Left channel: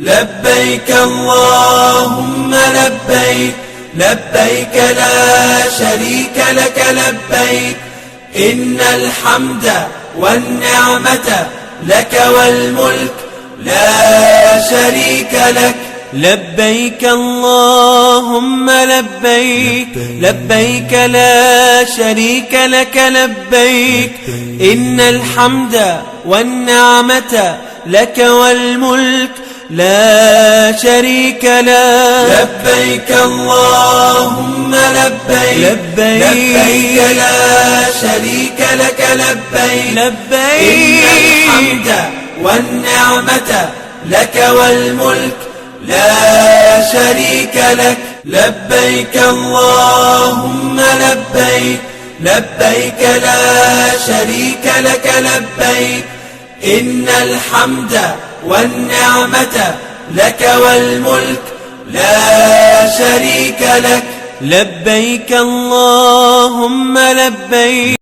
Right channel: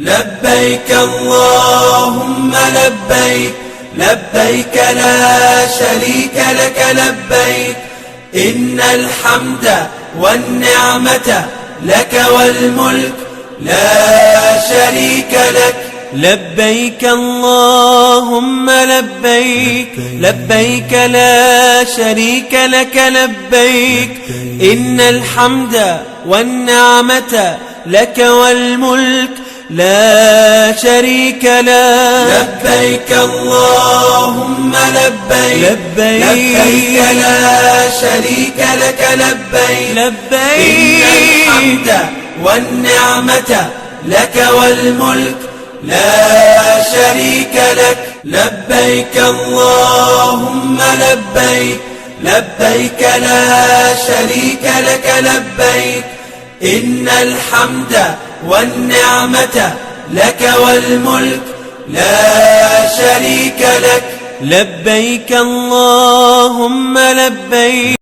لبيك اللهم لبيك، لبيك لا شريك لك لبيك، إن الحمد والنعمة لك والملك لا شريك لك. لبيك اللهم لبيك، لبيك لا شريك لك لبيك، إن الحمد والنعمة لك والملك لا شريك لك. لبيك اللهم لبيك، لبيك لبيك لا شريك لك لبيك، لبيك إن الحمد والنعمة لك والملك لا شريك لك. لبيك اللهم لبيك، لبيك لا شريك لك لبيك، إن الحمد والنعمة لك والملك لا شريك لك. لبيك اللهم لبيك.